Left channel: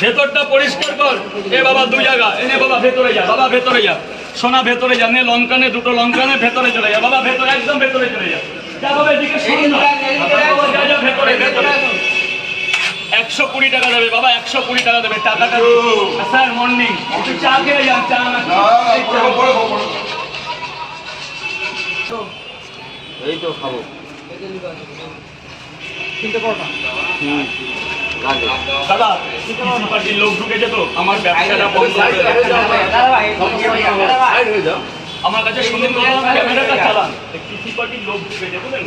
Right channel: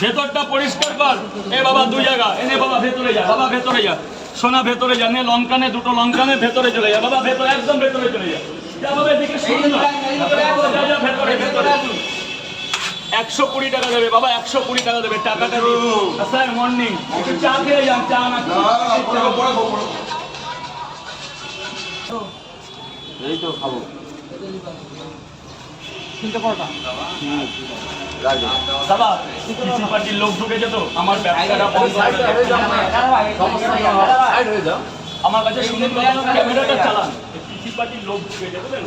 ভেতরটা পরিষ্কার কর। এ বাবা 2 জায়গা এনে বাবা ভেতরে যা, বাবা ভেতরে যা, সোনা ভেতরে যা, নে লঙ্কানে 2টো লঙ্কানে ভেতরে চলে যা, বাবা ভেতরে একদম ভেতরে চলে যা, যা বাবা এদিকে শুন না, যা যা ভেতরে ভেতরে। 120 টাকা দেবে বাবা, 120 টাকা দেবে। টাকাটা স্যার মর্নিং একটু চা খেয়ে যান, চা না এই তো খাবো। দাদা কিছু পার্টির লোক ঢুকেছে তো আমার ব্যবসাটা বন্ধ করে দেয়। আমার কাছে শুনুন ক্যামেরাটা চালান। কৃষি পার্টির লোক ঢুকেছে বুঝলেন,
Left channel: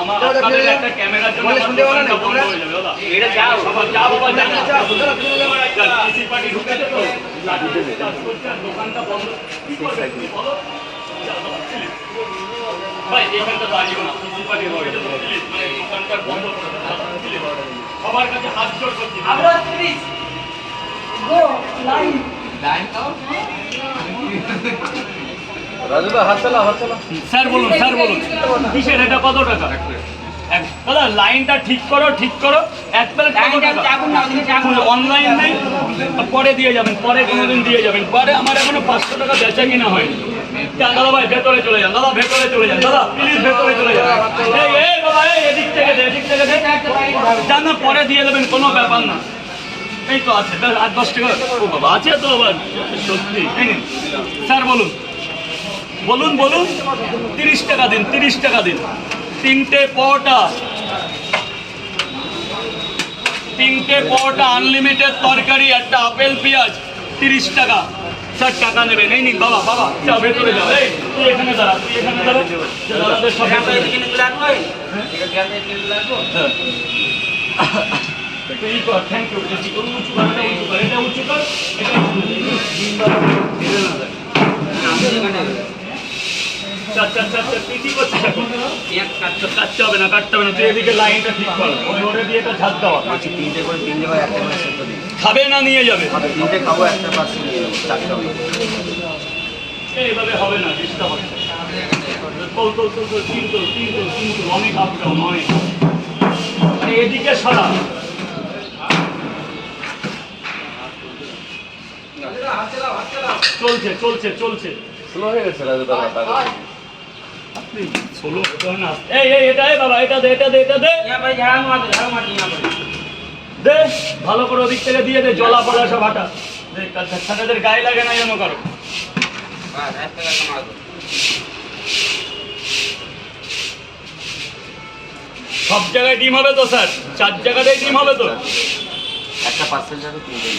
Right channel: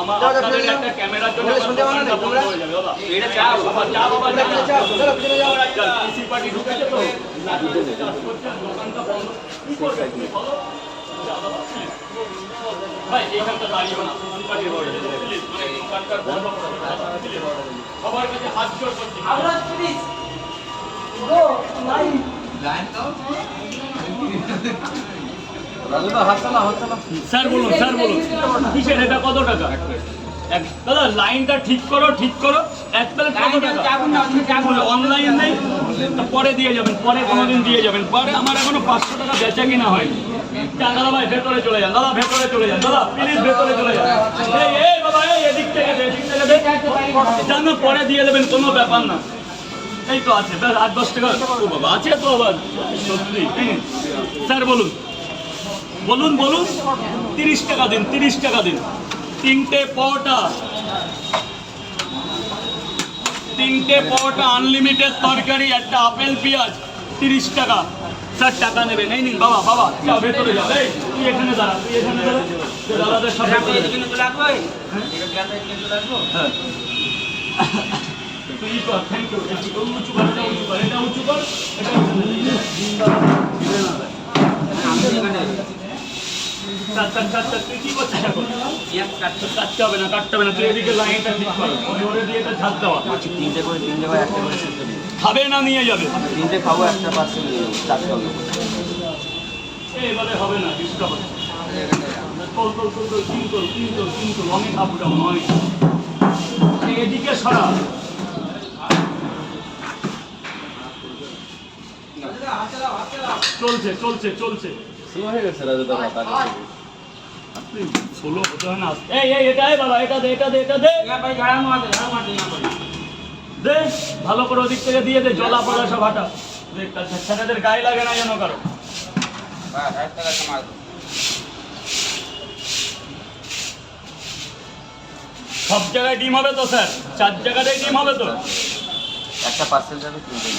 আমার আপনাদের একটা ক্যামেরার জন্য আমার দোকানটা বন্ধ হয়ে যাবে দাদা। বাবা যা বাবা যা, কৃষি পার্টি ঢুকেছে তো দোকানটা বন্ধ কি করবে তুমি বলো? ভাই এখানটা দাঁড়িয়ে না, কৃষি পার্টি হয়ে যাবে দোকানটা বন্ধ করে সবার কাছে হাত জোড় করছি। স্যার বলুন, স্যার বলুন কিসের এটা, কত টাকা? দাদা লাইনটা ঠিক করো, ঠিক করো। 1 প্লেট কত টাকা? অনলাইন নেই, পরে দিয়ে যাবেন, পরে কোনোদিন দিয়ে যাবেন। পরে আমার এখনো 500 টাকা বেচা কিনা হয়নি। দাদা ভাই ভেতরে চলে যান, দাদা ভেতরে চলে যান, দাদা প্লিজ ভেতরে চলে যান। এই বাবা এদিক থেকে দে, এদিক থেকে দে, যান না পরে দিয়ে দেবেন, কোনো ব্যাপার না। এই তো আছে 8-10 টাকা। ও বাবা আছে তো আবার সত্যি। স্যার বলুন বলুন বলুন 30 টাকা দিন, 30 টাকা দিন। 3টে পরোটা, 3টে পরোটা, আনলিমিটেড তরকারি, একটা আপেল পেঁয়াজ, 30 টাকা। স্যার টাকা নেবেন, এই নিন বাবা, বাবা যাও ভেতরে যাও। এই তুই এখানে দাঁড়া, তুই এখানে দাঁড়া, দাদাদের সব থ্যাংক ইউ। উঁচু কর, এটা উঁচু কর, এটা তুই কি করছিস এখন? কাটতে হবে না, কাটতে হবে না, তুই এদিকে লাইনটা ঠিক কর, ওরে দিয়ে এটা ঝাঁক দেওয়া। 3টে করে 3 জায়গায় একটা করে সেদ্ধ দিন। খাবে না নিয়ে যাবে? 3টে খাবো, একটা পার্সেল নিয়ে যাবো, 4টা হবে। এইভাবে হবে না, ডিস্টার্ব হচ্ছে। কিন্তু অনেক আপ ডাউন, অনেক। এদিকে সারা চলছে চলছে চলছে। স্লো হয়ে গেছে রাজু দাদা। ষোলো এই এটা বাবা, এটা দে, এটা দে, এটা দে, দে ভালো করে ওদিক থেকে দিয়ে দে, জলা পড়া সব হাঁটা দে, কাছাকাছির গায়ে লাগে না যেন কারো। সব জায়গায় ডিম হবে তো স্যার? 4 জায়গাতেই ডিম হবে তো? একটা পার্সেল যাবে 3টে।